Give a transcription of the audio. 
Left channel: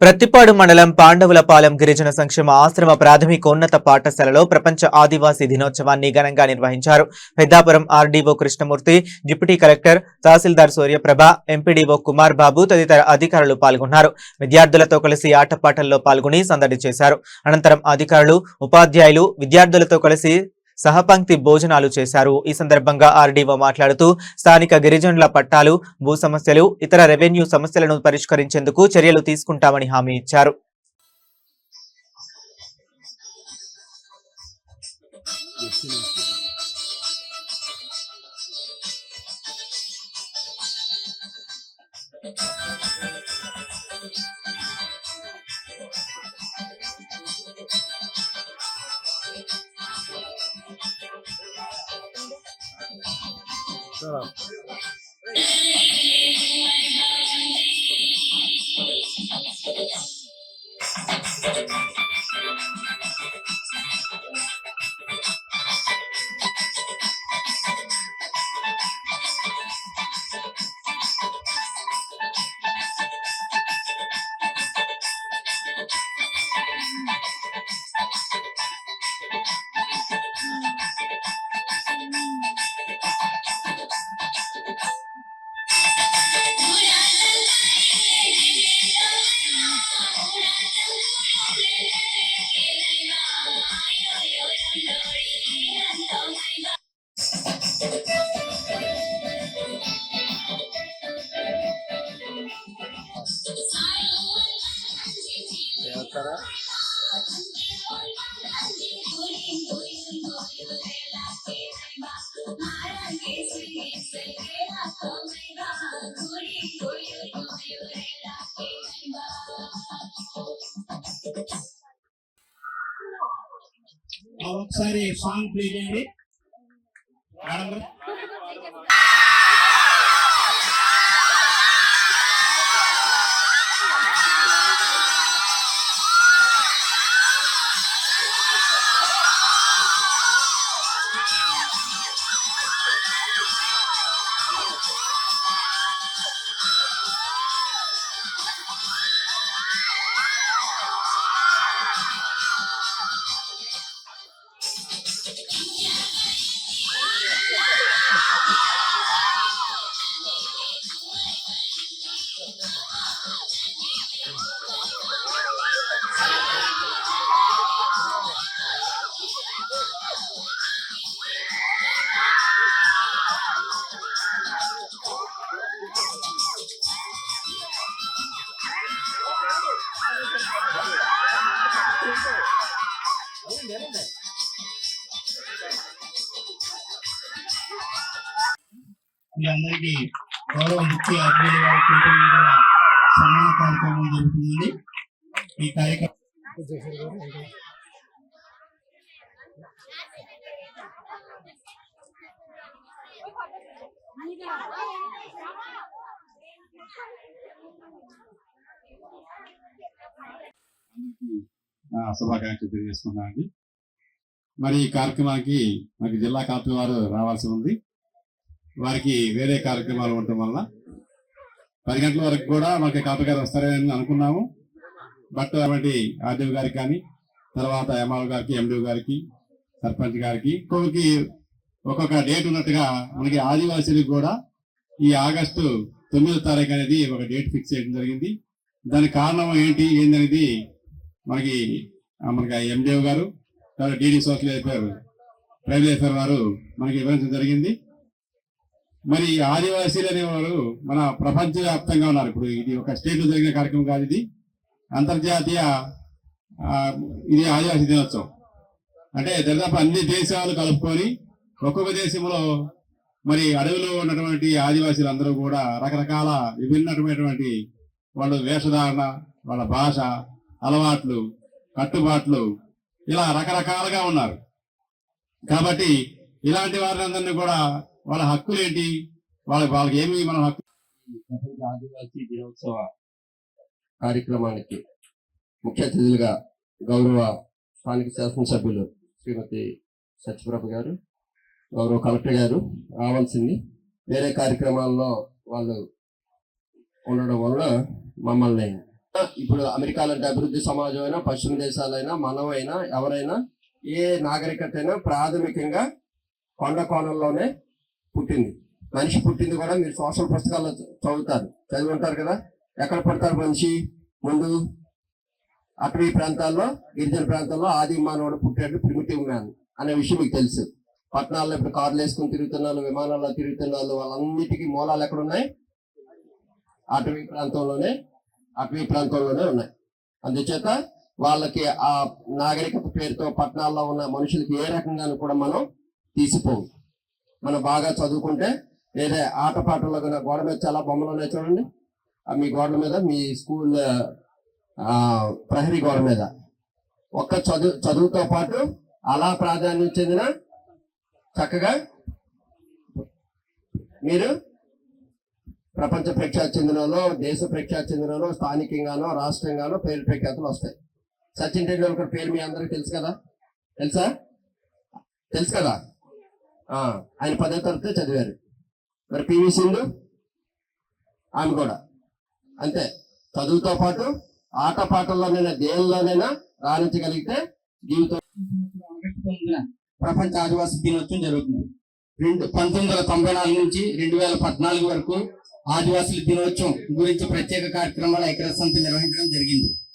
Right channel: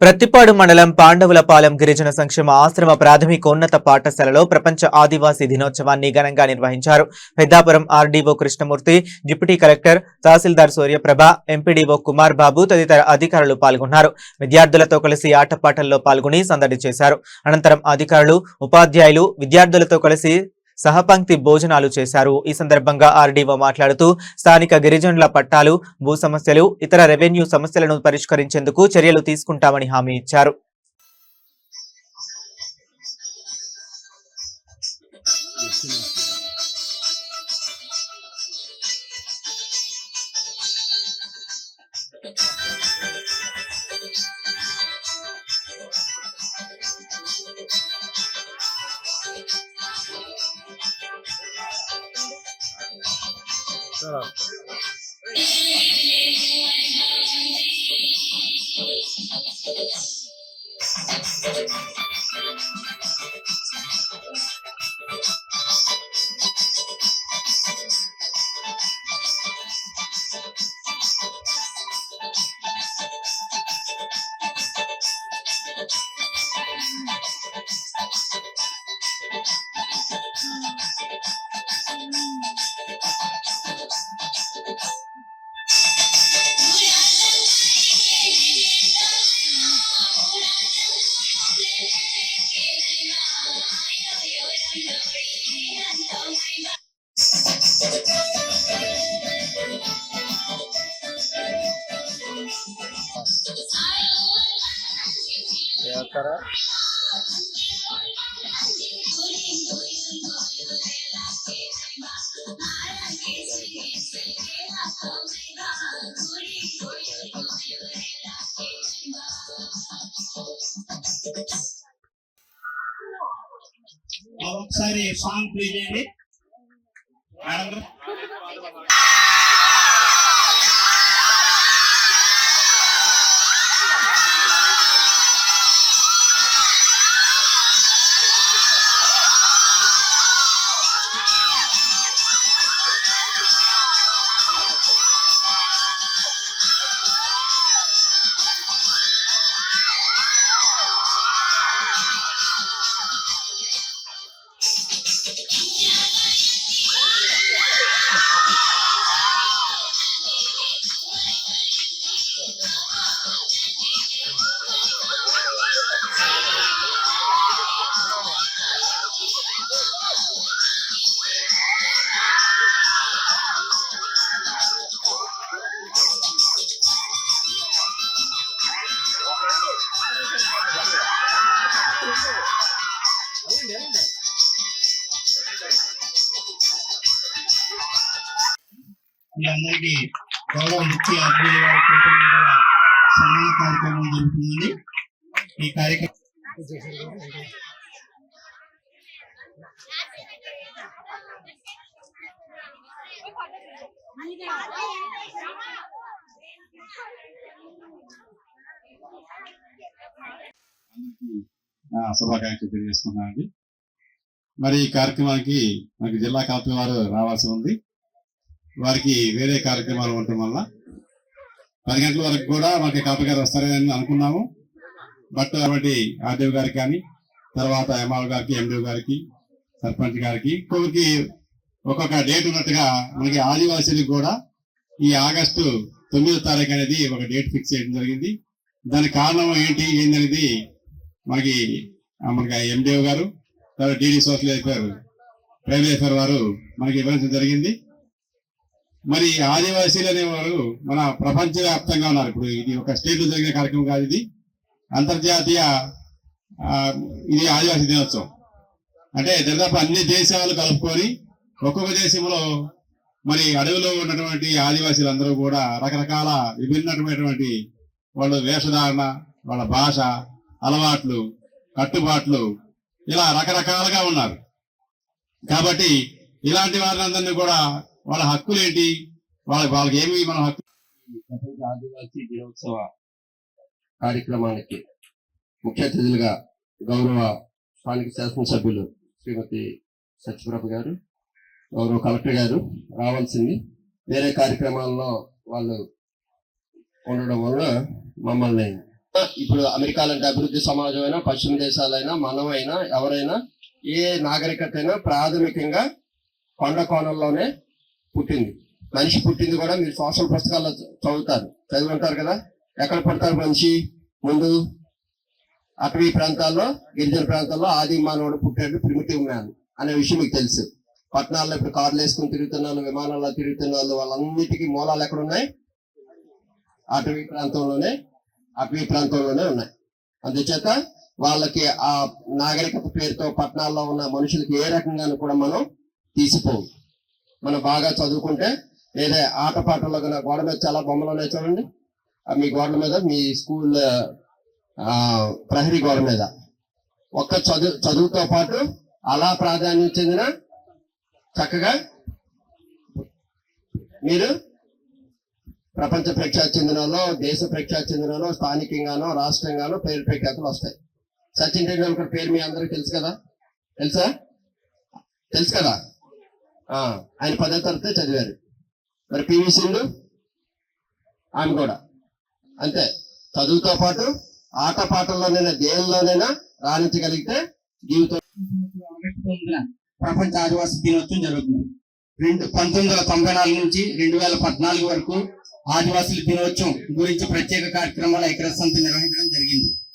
ప్రత్తిపాడు మండలం పాండవులపాలెం గిరిజన సంక్షేమ ఆశ్రమ ప్రాథమికోన్నత పాఠశాలలో ప్రపంచ ఆదివాసీ దినోత్సవాన్ని ఘనంగా నిర్వహించారు. Peddapuram RDO Krishnamurthy, deputy collector, tahsildar Suryaprabha, MPDO Kumar Babu తదితర అధికారులు పాల్గొన్నారు. విద్యార్థులతో కలిసి ఆటపాటల్లో పాల్గొని సందడి చేశారు. అనంతరం అధికారులు, ఉపాధ్యాయులు విద్యార్థులతో కలిసి సహపంక్తి భోజనాలు చేశారు. ఈ సందర్భంగా ఆర్డీఓ మాట్లాడుతూ స్థానిక గిరిజనుల పట్టాలు, భూ సమస్యలు, ఇతర రెవెన్యూ సమస్యలను పరిష్కరించేందుకు చర్యలు తీసుకుంటామని హామీ ఇచ్చారు. ఒకసారి సాంగ్ ప్లే చేయండి మేడం. మీ అందరికీ గౌరవ ముఖ్య అతిథులు గారి సన్మాన కార్యక్రమం జరుగుతుంది. ఈ కార్యక్రమం శుభాకాంక్షలు తెలియజేస్తున్నానండి. మరి ఈ కార్యక్రమానికి మనకి జిల్లా కలెక్టర్ వారు రావాల్సి ఉంది. వారికి వేరే కార్యక్రమాలు ఉండటం వల్ల 10 గంటల వరకు కూడా మనకి కలెక్టర్ గారు వస్తారని అనుకున్నాము. బట్ అటువంటి ఆర్డీఓ గారికి కానీ, తర్వాత ఎంఆర్ఓ గారికి, ఎండిఓ గారికి, సర్పంచ్ గారికి ఒక్కొక్క డేట్ ఉన్నట్టుగా మనకి ఆదివాసీలకు కూడా ఈ ఆగస్టు 9వ తారీఖు అనేది ఒక డేట్ ఫిక్స్ చేయడం జరిగింది. దానికి కారణం ఏంటనేది మనకి ఎండిఓ గారు, తర్వాత DD social welfare private welfare వారు మనకి ఇవ్వడం జరిగింది. మరి ఆదివాసీలు అనేవారు మన ప్రపంచవ్యాప్తంగా ఉన్నారు. ఇప్పుడు ఇది ఒక స్టేట్ లో జరిగిన కార్యక్రమం కాదు, ఇది అంతర్జాతీయ ఇది ఆదివాసీ దినోత్సవం. అంటే దాదాపు అన్ని దేశాలు కలుపుకొని ఒక్కొక్క దేశంలో మరి అడవిలో ఉన్నటువంటి ఆదివాసీలు అందరూ కూడా రకరకాల విభిన్నమైనటువంటి వాళ్ళ వేషధారణ, వాళ్ళ భాష, అలవాట్లు, కట్టుబాట్లు ఇలా రకరకాలుగా ఉన్నారు. కాబట్టి ఇలాంటి వారందరినీ కూడా వాళ్ళ హక్కులు ఏంటి, వాళ్ళకి ఏమి మన హక్కు. ఆదివాసీ దినోత్సవ కార్యక్రమానికి ముఖ్య అతిథులుగా గౌరవ స్థానిక శాసనసభ్యులు శ్రీమతి సత్యప్రభ గారు, గౌరవ కలెక్టర్ గారు రావాల్సింది. వేరే కార్యక్రమాల్లో వాళ్ళు ఉండడం వల్ల మమ్మల్ని ఇప్పుడు అమెరికా లాంటి అభివృద్ధి సమాజమైనా, పశ్చిమ దేశాలైనా, మనమైనా, ఎవరైనా, ఏ నాగరికత అయినా ప్రాథమికంగా కొండ కోణంలోనే పుట్టింది. మనిషి పుట్టింది కూడా మీరు సోషల్ పుస్తకాల్లో చదివి ఉంటారు కదా. ఎక్కడ పడతారు మనిషి? ముందు అటవీ ప్రాంతాల్లో, గిరిజన ప్రాంతాల్లో ఆది మానవుడు పుట్టాడు, ప్రిమిటివ్ మ్యాన్ అనే విషయం మీకు తెలుసు. పట్టణాల్లో ఇప్పుడు కార్లు వేసుకుని తిరుగుతున్న వాళ్ళు, విమానాల్లో తిరుగుతున్న వాళ్ళు, వాళ్ళన్నిటికీ మూలాలు ఎక్కడ ఉన్నాయి? అటవీ ప్రాంతంలోనే ఉన్నాయి. అందుచేత వాళ్ళకి ఆ నాగరికత పేరుతో పట్టణాల్లో ఉన్న మనుషులకి ఏ రకంగా కూడా మనం తీసిపోవు. మనం బాగా చదువుకుంటే లేదా ఆటపాటల్లో కన్నా గోడ మీద చాలా బొమ్మలు ఉన్నాయి చూడండి. మీ గోడ మీద, మీ స్కూల్ ప్రహరీ గోడ మీద ఒక్క చదువుతో పాటు అలా ప్రాధాన్యం చెందిన చక్కగా మీరు ప్రపంచ ప్రఖ్యాతి చెందినలో, దేశ ప్రఖ్యాతి చెందినలో, స్థానికంగానో, రాష్ట్రంగానో పేరు ప్రఖ్యాతులు వస్తాయి. సచిన్ టెండూల్కర్ పేరు మీ అందరికీ తెలుసు కదా? తెలుసు కదా? ఆయన 10వ తరగతి చదివారు. మరి పివి సింధు, ఆమె కూడా అంతే. చదువుతో పాటు ఆట పాటల్లోనైనా, దేనిలోనైనా రాణించగలిగితే జీవితం. ప్రపంచ ఆదివాసీ దినోత్సవం జరుగుతుంది. 1994 నుంచి 2014 వరకు ఆదివాసుల దినోత్సవం గురించి ప్రత్యేక కార్యక్రమాలు ఐక్యరాజ్య సమితి నిర్వహించడం జరిగింది.